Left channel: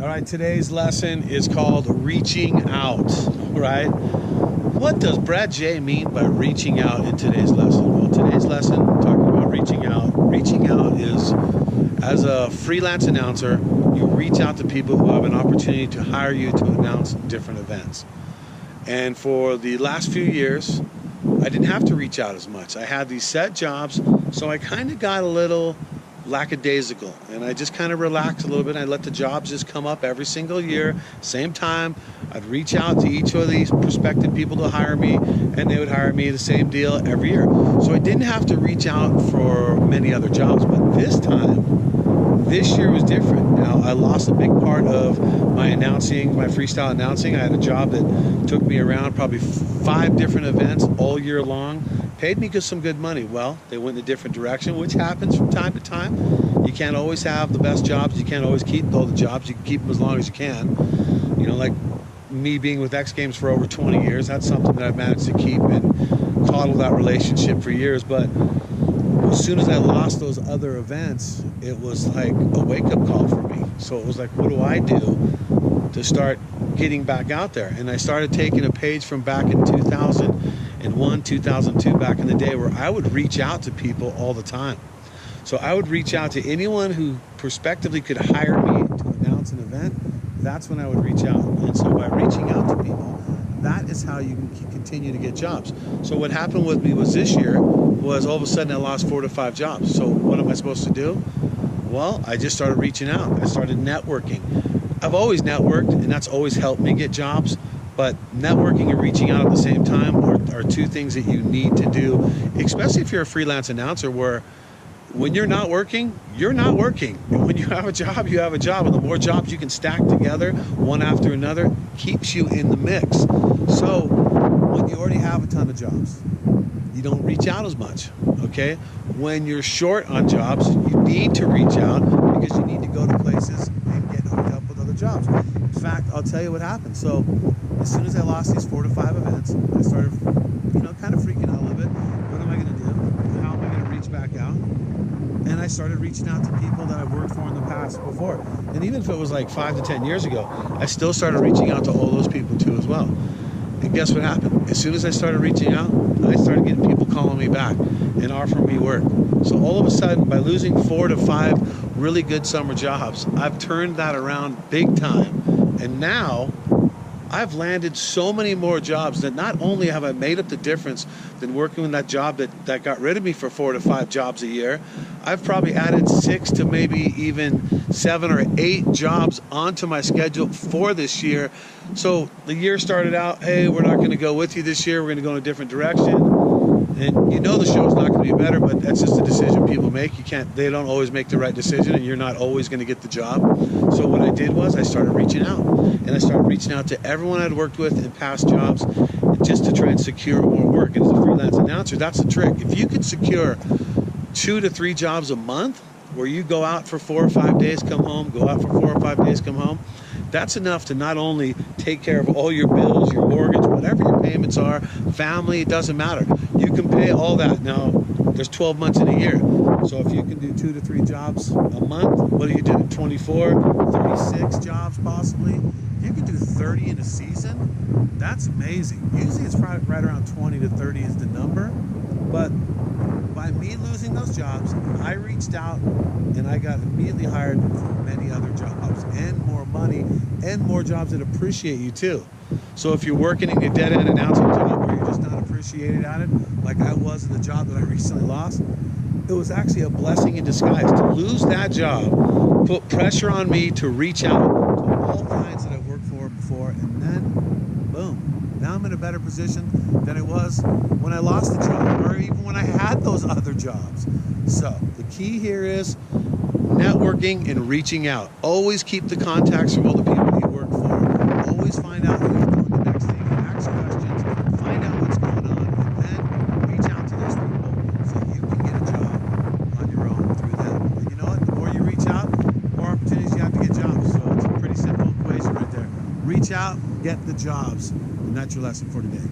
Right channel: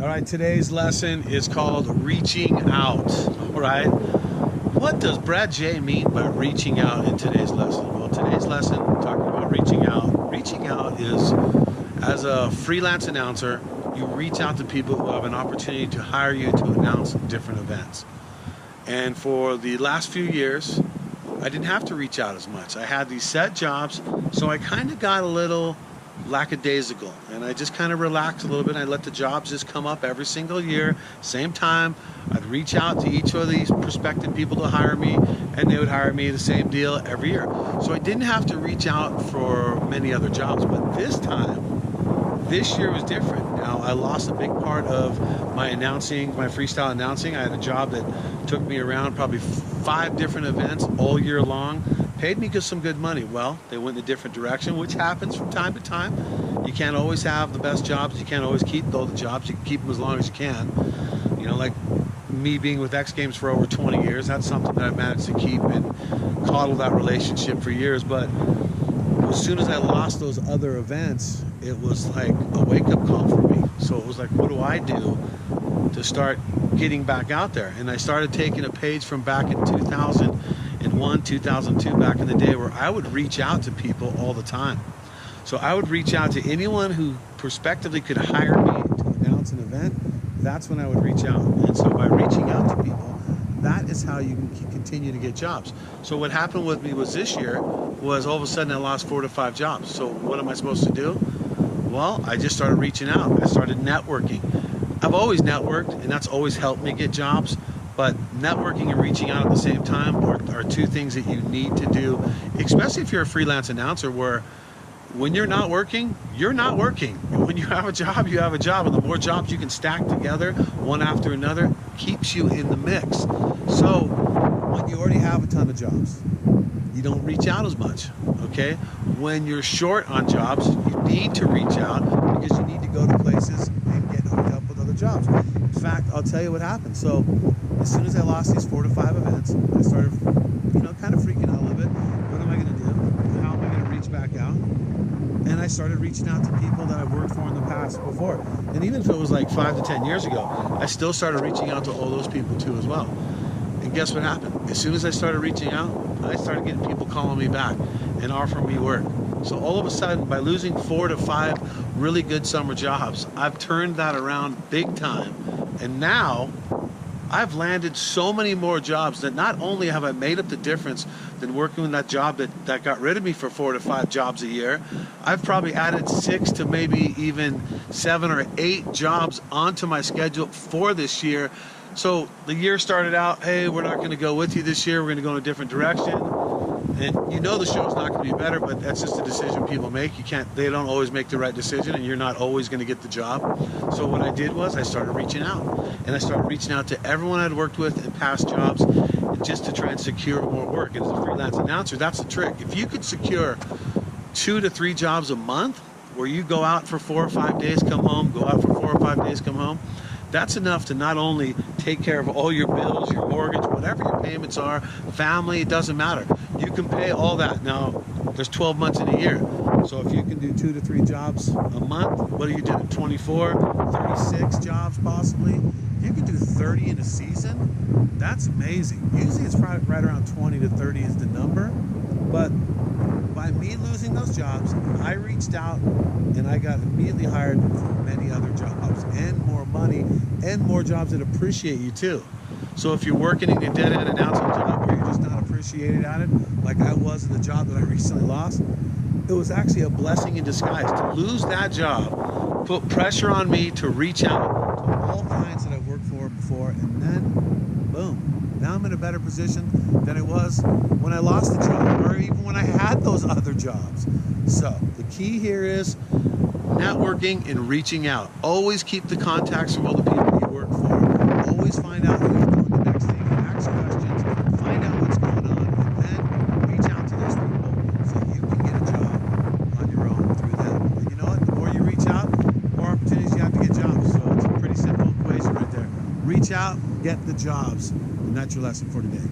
All right, today's lesson is called reaching out. All right, what does Brad J mean by reaching out in today's lesson? Well, today's lesson, talking about reaching out. Reaching out is, as a freelance announcer, you reach out to people who have an opportunity to hire you to announce different events. And for the last few years, I didn't have to reach out as much. I had these set jobs, so I kind of got a little lackadaisical, and I just kind of relaxed a little bit. I let the jobs just come up every single year, same time. I'd reach out to each of these prospective people to hire me, and they would hire me, the same deal every year. So I didn't have to reach out for many other jobs, but this year was different. Now, I lost a big part of my announcing, my freestyle announcing. I had a job that took me around probably 5 different events all year long. Paid me some good money. Well, they went in a different direction, which happens from time to time. You can't always have the best jobs. You can't always keep all the jobs. You can keep them as long as you can. You know, like me being with X Games for over 20 years, that's something that I've managed to keep and coddle that relationship for years. But as soon as I lost those other events, it was like a wake-up call for me. So it was like, what do I do to start getting back out there? And I started taking a page from back in 2001, 2002, back in the day, where I would reach out to people all the time. So I would reach out to anyone who prospectively could hire me to announce an event. That's when I would reach out. And so by reaching out to people, that is how you can continue to get jobs. So what happened with me was this year was all of a sudden I lost 4 to 5 jobs. So what am I supposed to do? Well, I just started reaching out. I started networking. I've always networked, and that's always helped me get jobs. But networking and reaching out at the same time are 2 things that you need to do, especially if you're a freelance announcer, where when you're not working, you're not working. And when you have a job, you have a job. And the more jobs you can stack together, one after another, keeps you in the mix. So when you already have a ton of jobs, you don't reach out as much, okay? When you're short on jobs, you need to reach out because you need to go to places and get hooked up with other jobs. In fact, I'll tell you what happened. So as soon as I lost these 4 to 5 events, I started, kind of freaking out a little bit. What am I gonna do? How am I gonna reach back out? And I started reaching out to people that I've worked for in the past before. And even if it was like 5 to 10 years ago, I still started reaching out to all those people too as well. And guess what happened? As soon as I started reaching out, I started getting people calling me back and offering me work. So all of a sudden, by losing 4 to 5 really good summer jobs, I've turned that around big time. And now I've landed so many more jobs that not only have I made up the difference than working with that job that got rid of me for 4 to 5 jobs a year, I've probably added 6 to maybe even 7 or 8 jobs onto my schedule for this year. So the year started out, hey, we're not going to go with you this year. We're going to go in a different direction. And the show's not going to be better, but that's just a decision people make. They don't always make the right decision, and you're not always going to get the job. So what I did was I started reaching out, and I started reaching out to everyone I'd worked with in past jobs just to try and secure more work. And as a freelance announcer, that's the trick. If you could secure 2 to 3 jobs a month where you go out for 4 or 5 days, come home, go out for 4 or 5 days, come home, that's enough to not only take care of all your bills, your mortgage, whatever your payments are, family, it doesn't matter. You can pay all that. Now, there's 12 months in a year. So if you can do 2 to 3 jobs a month, what are you doing? 24, 36 jobs possibly? You can do 30 in a season. That's amazing. Usually it's probably right around 20 to 30 is the number. But by me losing those jobs, I reached out and I got immediately hired for many other jobs and more money and more jobs that appreciate you too. So if you're working in a dead-end announcing job where you're just not appreciated at it, like I was in the job that I recently lost, it was actually a blessing in disguise. To lose that job put pressure on me to reach out to all clients that I've worked for before, and then boom. Now I'm in a better position than I was when I lost the job, or even when I had those other jobs. So the key here is networking and reaching out. Always keep the contacts from all the people you work for. Always find out who's doing the next thing. Ask questions. Find out what's going on, and then reach out to those people so you can get a job on your own through them. And you know what? The more you reach out, the more opportunities you have to get jobs. So it's a pretty simple equation right there. Reach out, get the jobs. And that's your lesson for today.